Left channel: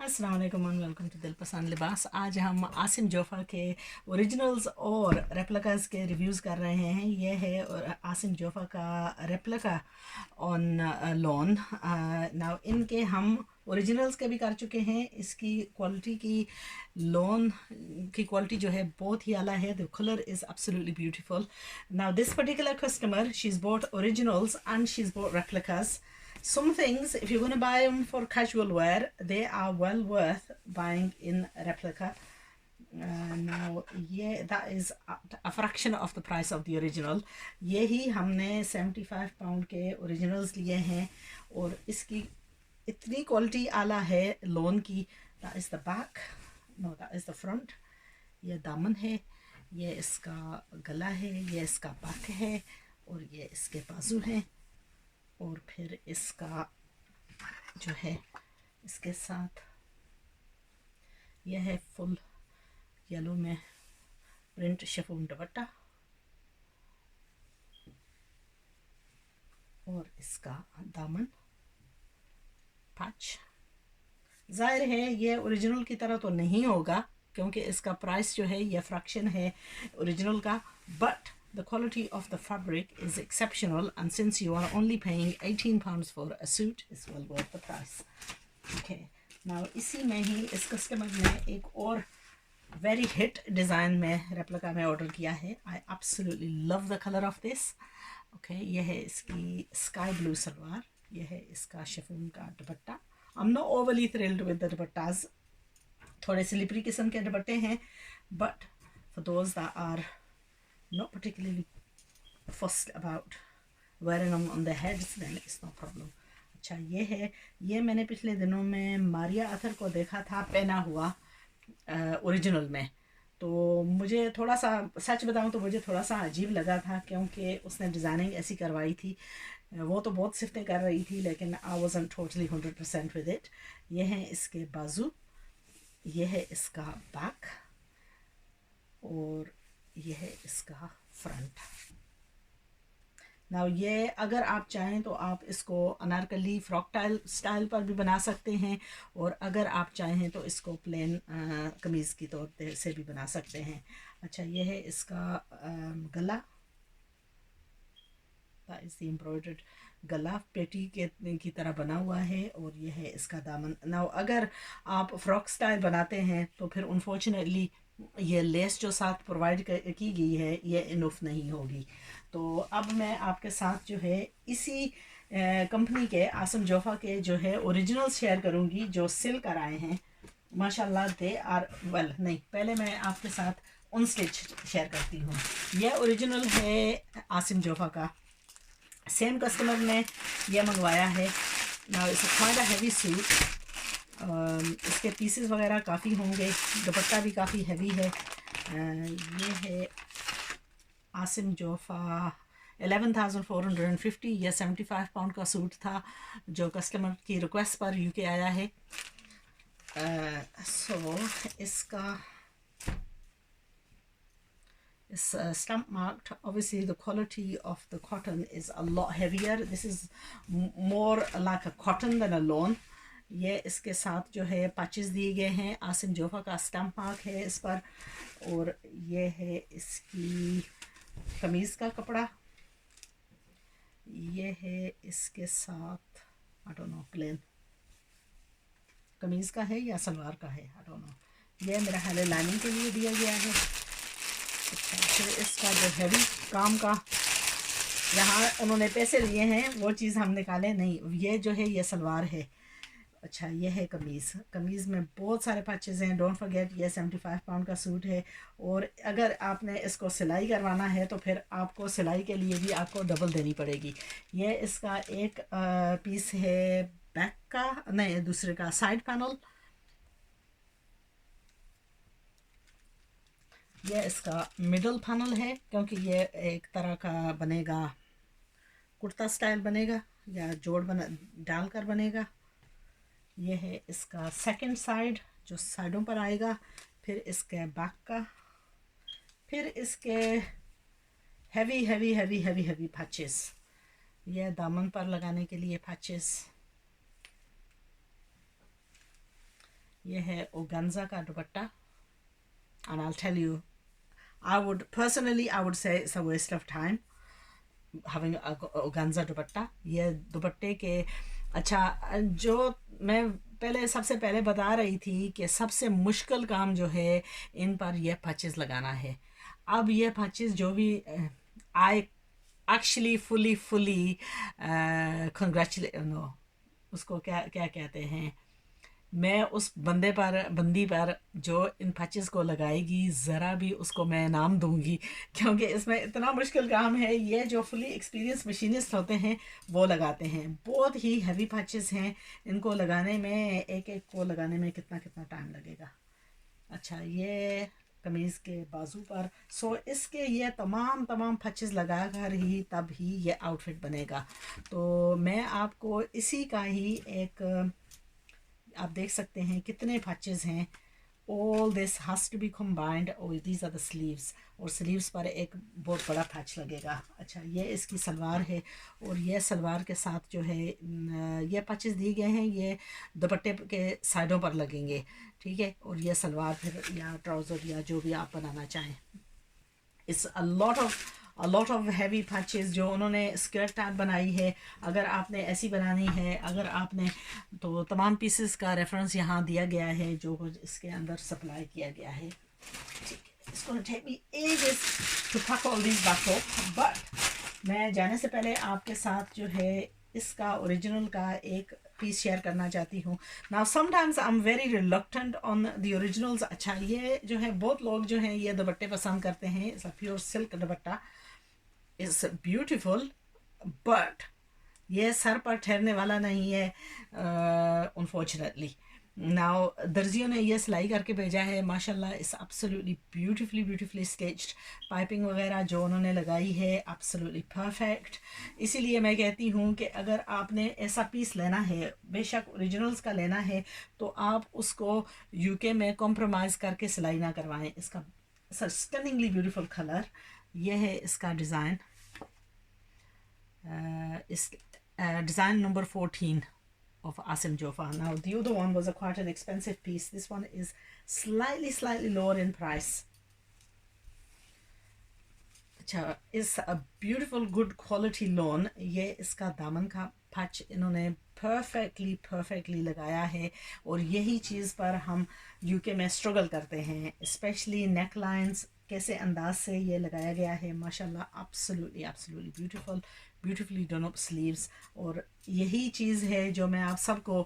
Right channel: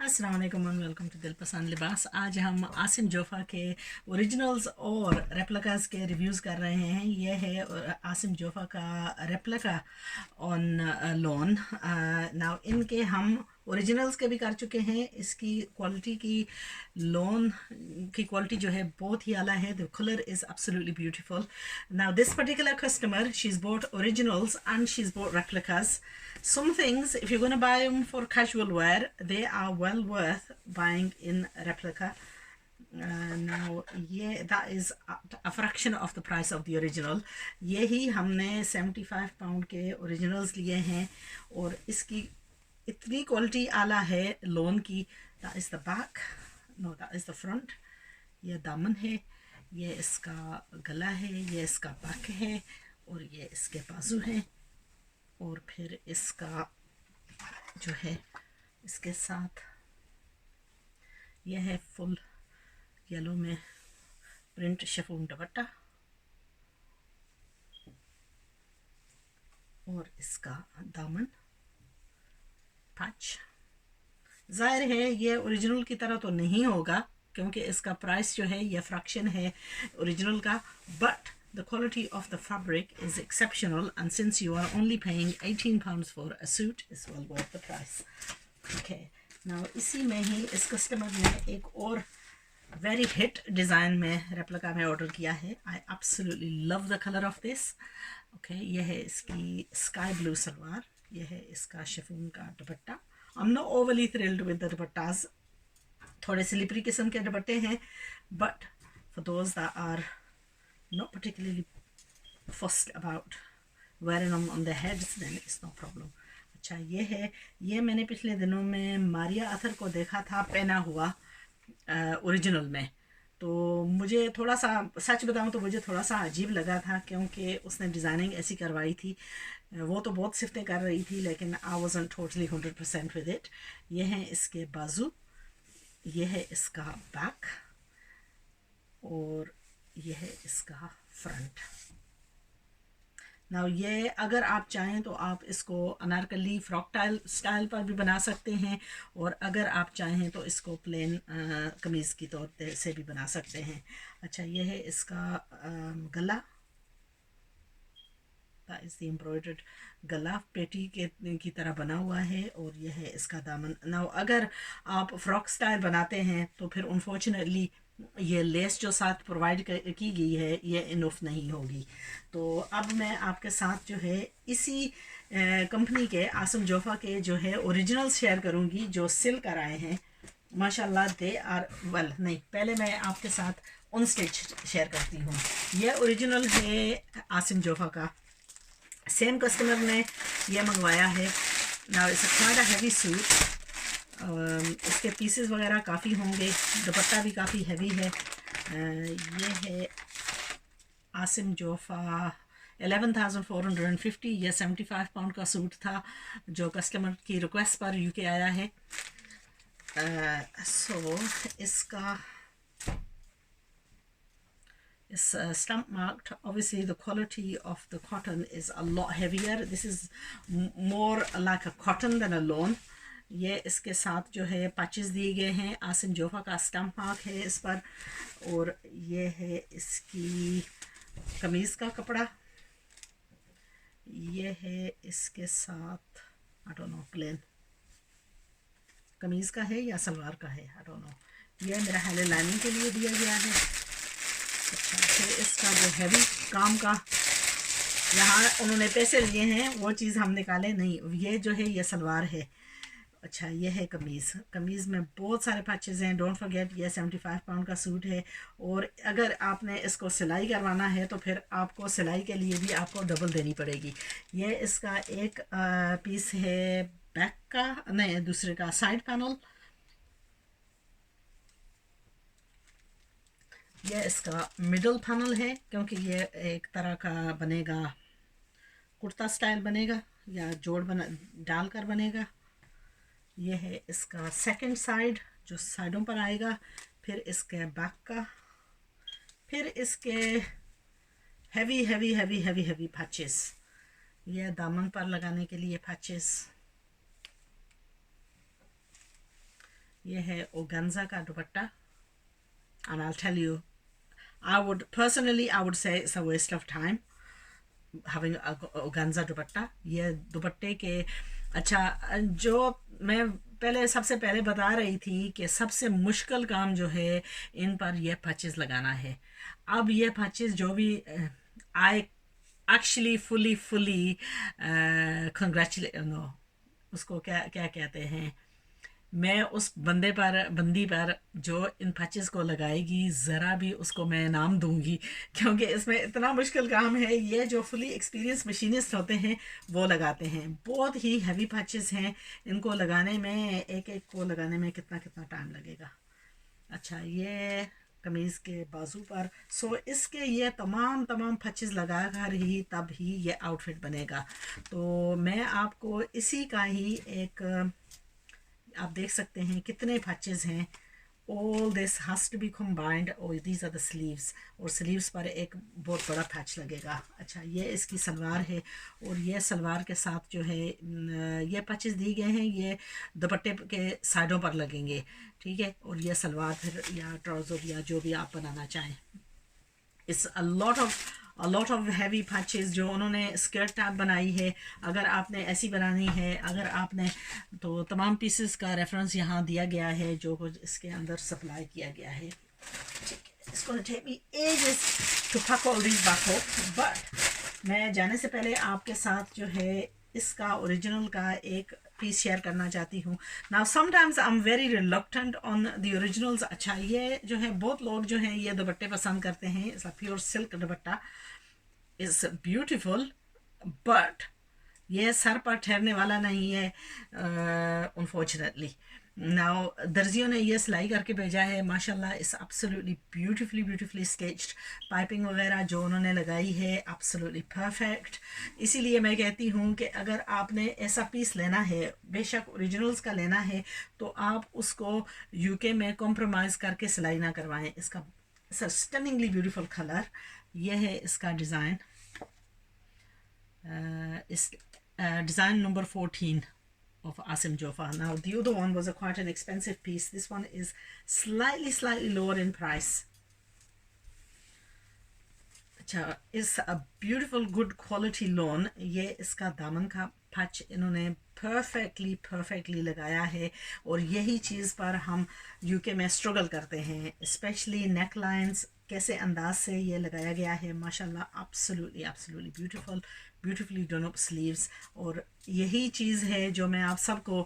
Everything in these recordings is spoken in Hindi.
अस्सलाम वालेकुम एंड वेलकम टू दिल पसंद लिबास। आज हम आसिम जोफ़ा के ओरिजिनल्स और रेप्लिकास के रिव्यूज़ कर रहे हैं। ये है आसिम जोफ़ा का रेप्लिका ऑन लोन। नाउ इनके हम ओरिजिनल्स के भी कर चुके हैं। इसकी क्वालिटी की लोन की क्वालिटी जो है बहुत ही आला है। The colour is absolutely beautiful. Now this particular customer she is boat originals and she is boat replicas. Some things, if you're going to buy them for casual wear, they are well worth buying in replica. Now, yeah, that is a fraction of the price of the original. ये ही हमने 75 पाउंड के ओरिजिनल्स लिए हैं और इसकी इतनी क्वालिटी आला है लोन की. That is the back, no, that is the front. ये दामन है, ये इसका गला है, ये इसका बैक है और ये इसके बाजू हैं. और फिर इसका जो है इसके साथ यह है फुल येलो में प्रिंट शिफॉन दुपट्टा और इसका दामन पैच. ज़ाहिर है ये ओरिजिनल की तरह तो नहीं होगा क्योंकि इसका प्राइस जो है ये फ्रैक्शन है ओरिजिनल का, but the quality of the fabric is exceptional, and since you are only paying £18 for a suit, is well worth the price. Okay, now इसी में ही इस कस्टमर ने एक और very hit डिज़ाइन में रेप्लिका में ऑर्डर किया है. I absolutely love the color of this. Okay, यह है इसकी स्काई ब्लू सलवार, यह है इसका शिफॉन का दुपट्टा. I'm not overly thrilled with the दुपट्टास, थोड़े स्लिपरी किस्म के दुपट्टे हैं, but for those that are not particularly fussed about wearing them on their heads, then it's no problem. अच्छा, ये है, ये मैंने पिछले दिनों में मारिया अथर को देखा था पहना हुआ ओरिजिनल में, तो मुझे थोड़ा सा, सच बताऊं तो मुझे थोड़ा सा अजीब लगा था क्योंकि उसने डिज़ाइनिंग ऐसी करवाई थी. वो तो बहुत सिफतें कर रही थी लेकिन I wasn't totally 100% with it. ये है इसके बाजू, ये है इसका बैक और यह है इसका फ्रंट. नाउ ये अगर आप चाहें तो आप इसको अनारकली फ्रॉक स्टाइल पर भी बना सकते हैं और अगर आप चाहें तो इसको प्लेन कमीज़ की तौर से भी बना सकते हैं. अच्छा, ये है इसका गला, इस एम्ब्रॉयडर्ड गला पेटी की तरह बना हुआ है और यह है इसका दामन. नाउ अगर आप फ्रॉक स्टाइल बनाते हैं तो फिर अनफॉर्चुनेटली ये लेस जो साथ प्रोवाइड की गई है ये इनफ नहीं होगी. तो अब मैं आपके साथ जो है इसी कंपनी के आसिम जोफ़ा के जो है ओरिजिनल शेयर करूंगी जो सिल कर आए हैं. माशाल्लाह दे आर वेल. नहीं, पहले मैं आपके साथ उन स्टिच शेयर करती हूँ. यह ओरिजिनल है आसिम जोफ़ा का. सेम कस्टमर ने यह मंगवाया है. ना it's quite a heavy suit. इसके पीसेस वगैरह काफ़ी होंगे, दुपट्टा भी काफ़ी हैवी है. ये है आसिम जोफ़ा 11,450. यह 75 पाउंड का सूट था जो कस्टमर की रिक्वेस्ट पर यूके आया है. सो इसका is stamp marked. Obviously the quality of the cotton is a lot heavier. This is more like a cotton than a lawn. ये इसके साथ जो है पैचेस दिए गए हैं. आसिम जोफ़ा का स्टैम्प मार्क है इस पर. और ये है इसकी कमीज़ का कपड़ा. ये है इसके साथ आई डोंट नो प्लेन कमीज़ का है या सलवार का है, आई डोंट नो. ये मेरा ख्याल लाइनिंग के लिए दिया गया है. अच्छा, फिर इसका जो हैवी काम का यहाँ उन्होंने पैसे लिए हैं वो चीज़ हम निकाले नहीं. ये जो है ये सलवार है. अच्छा, ये है कमीज़. कमीज़ में बहुत सारे पैचेज़ हैं. डोंट फॉरगेट ये 75 पाउंड का सूट है और अगर आपने इसको सिलाई करवाना है तो फिर आपको सिलाई के लिए भी आपको डबल देनी पड़ेगी. ये इसका एक पीस है बैक का, नहीं दूसरे का साइड पैनल. यह इसका मिडल पैनल है क्योंकि ये एक तरह का बनेगा, कुर्ता स्टाइल बनेगा या जोड़ बना डालकर बनेगा. यह है इसका सेकंड साइड जो साइडों पर आएगा. फिर इसके बैक का, फिर इसके heavy heavy heavy heavy heavy patches. यह दामन पर लगाने के लिए पैचेस. ये है organza का दुपट्टा, and I'll tell you, I would say it's a waste of time having a organza दुपट्टा. ये दुपट्टे के अच्छा, जो मैं सबसे पहले बता रही थी कि सबसे मुश्किल काम जो है इन पर यह पैचेस लगाना है. अब ये पैचेस जो भी I actually fully congratulate, no, उसको क्या क्या कहते हैं, मैं उस बंदी पर जो इन पैचेस को लगाएगी ज़रा भी उसको मैं नाम दूंगी, क्योंकि इसमें इतना मुश्किल काम है. ये जो फुली एक्सपीरियंस मशीनिस्ट होते हैं वो लगाते हैं. बहुत ही हैवी पैचेस हैं, इनको लगाने में एक को लगाने में कितना टाइम लगेगा. अच्छा, ये कमीज़ के बाजू पर, सो इसके ये तमाम पैचेस लगा कर ही तब ही ये आउटफिट बनेगा. तो मैं आपको इसी का ही एक, आप देख सकते हैं कितने पैचेस हैं. All this has to be combined. और these are the sleeves, और स्लीव्स पर एक बहुत बड़ा पैच लगेगा. अच्छा, ये इसकी सलवार है, और ये सलवार के साथ जो है ये पैचेस दिए गए हैं, ये दुपट्टे के साइडों पर लगेंगे, ठीक है. और ये सलवार फिर या ट्राउज़र या जो भी आप बनाना चाहें. It's a lot of heavy patches जो उन्होंने स्कर्ट टैब बनाई है. अगर आपने ऐसी बनानी है, अगर आपने, तो तमाम पीसेस का रेफरेंस यहाँ दिया गया है जो कुछ इसके अंदर सप्लाई किया गया है. It's gonna take me ages to pack all these back up, but मैं जाने से पहले आपके साथ जो है इसका ओरिजिनल का एक पीस शेयर करना चाहती हूँ. Now sometimes I am very reluctant on the originals. अच्छा, ये जो है बहुत लोग जो हैं ये दुपट्टे पसंद करते हैं. It's a pure silk dupatta, it's beautiful, but ये सर पर ठहरने वाला नहीं है अनफॉर्चुनेटली. नाउ दर्जियों ने ये सिलाई करके भेजा है, माशाल्लाह. It's absolutely beautifully stitched. Piping वगैरह जो उन्होंने लगाई है एब्सोल्युटली परफेक्ट. इसीलिए मैं कहती हूँ कि अगर आपने ऐसा पीस लेना है, बेशक ओरिजिनल्स का लेना है, तो आप उसको यूके में कॉम्प्रोमाइज़ करके सिलाई ना करवाएं. इसका स्टनिंगली ब्यूटीफुल कलर, ये है इसका डिज़ाइन. इस design number 14 of Asim Jofa. Now the other one was quite an expensive piece. This one is slightly lower in price. अच्छा, इस a beautiful good quality lawn. ये इसका दामन का पैच इन्होंने perfectly लगाया है, और यही चीज़ पर हम यूके में स्ट्रगल करते हैं, स्पेशली नेक लाइन्स कैसे अंदाज से ये लगाया गया है. माशाल्लाह, absolutely beautifully done up sleeves. और यही चीज़ है जो मैं आप सबको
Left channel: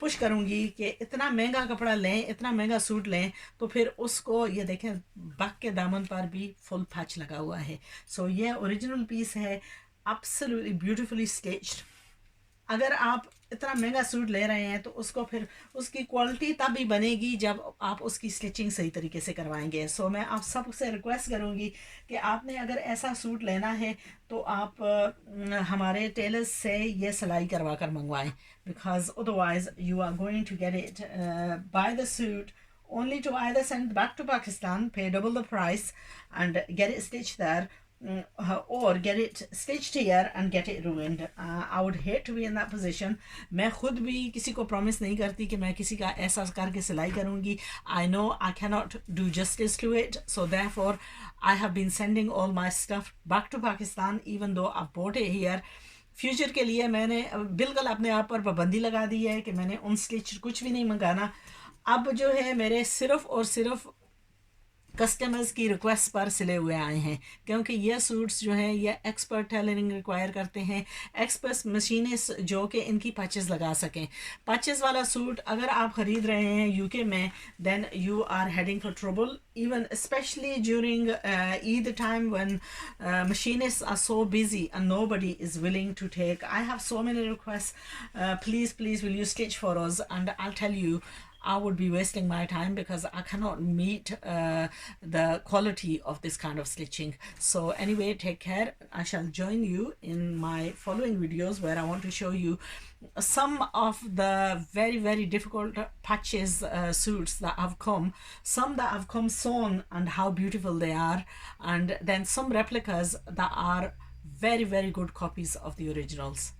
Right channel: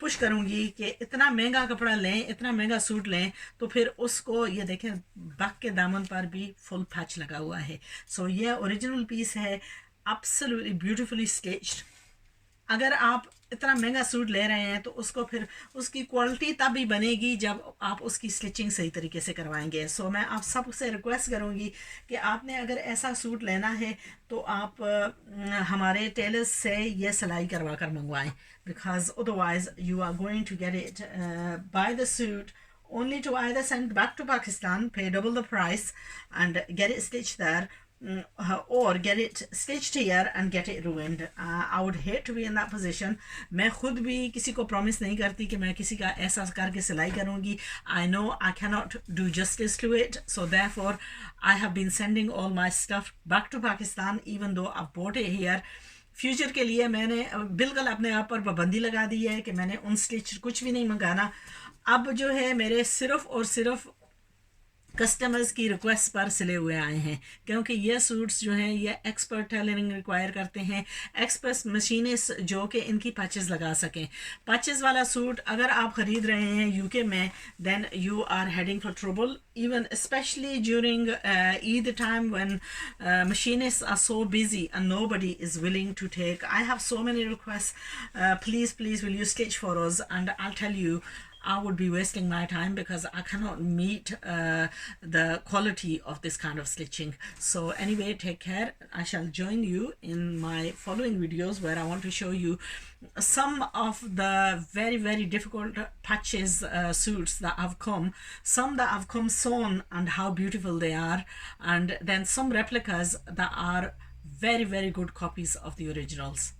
पुश करूँगी कि इतना महंगा कपड़ा लें, इतना महंगा सूट लें, तो फिर उसको ये देखें बैक के दामन पर भी फुल पैच लगा हुआ है. सो ये ओरिजिनल पीस है, absolutely beautifully stitched. अगर आप इतना महंगा सूट ले रहे हैं तो उसको फिर उसकी क्वालिटी तब ही बनेगी जब आप उसकी स्टिचिंग सही तरीके से करवाएंगे. सो मैं आप सबसे रिक्वेस्ट करूंगी कि आपने अगर ऐसा सूट लेना है तो आप हमारे टेलर्स से ये सिलाई करवा कर मंगवाएं, because otherwise you are going to get it by the suit only to either send back to Pakistan, pay double the price and get it stitched there, or get it stitched here and get it ruined. I would hate to be in that position. मैं खुद भी किसी को promise नहीं करती कि मैं किसी का ऐसा करके सिलाई करूँगी. I know I cannot do justice to it, so therefore I have been sending all my stuff back to Pakistan even though I've bought it here. Future के लिए मैंने बिल्कुल अपने आप पर पाबंदी लगा दी है कि मैंने उन स्टिच कुछ भी नहीं मंगाना. अब जो है मेरे सिर्फ और सिर्फ कस्टमर्स की रिक्वेस्ट पर सिले हुए आए हैं, क्योंकि ये सूट्स जो हैं ये एक्सपर्ट टेलरिंग रिक्वायर करते हैं, एक्सपर्ट मशीनिस्ट जो कि इनकी पैचेस लगा सकें. पैचेस वाला सूट अगर आप ख़रीद रहे हैं यूके में, then you are heading for trouble, even especially during Eid time when machinists are so busy and nobody is willing to take. I have so many requests, please will you stitch for us, and I'll tell you I would be wasting my time because I cannot meet the quality of this kind of stitching. So anyway, take care. I shall join you in my following videos where I want to show you some of the very difficult patches suits that have come, some that have come sewn and how beautiful they are, and then some replicas that are very good copies of the originals.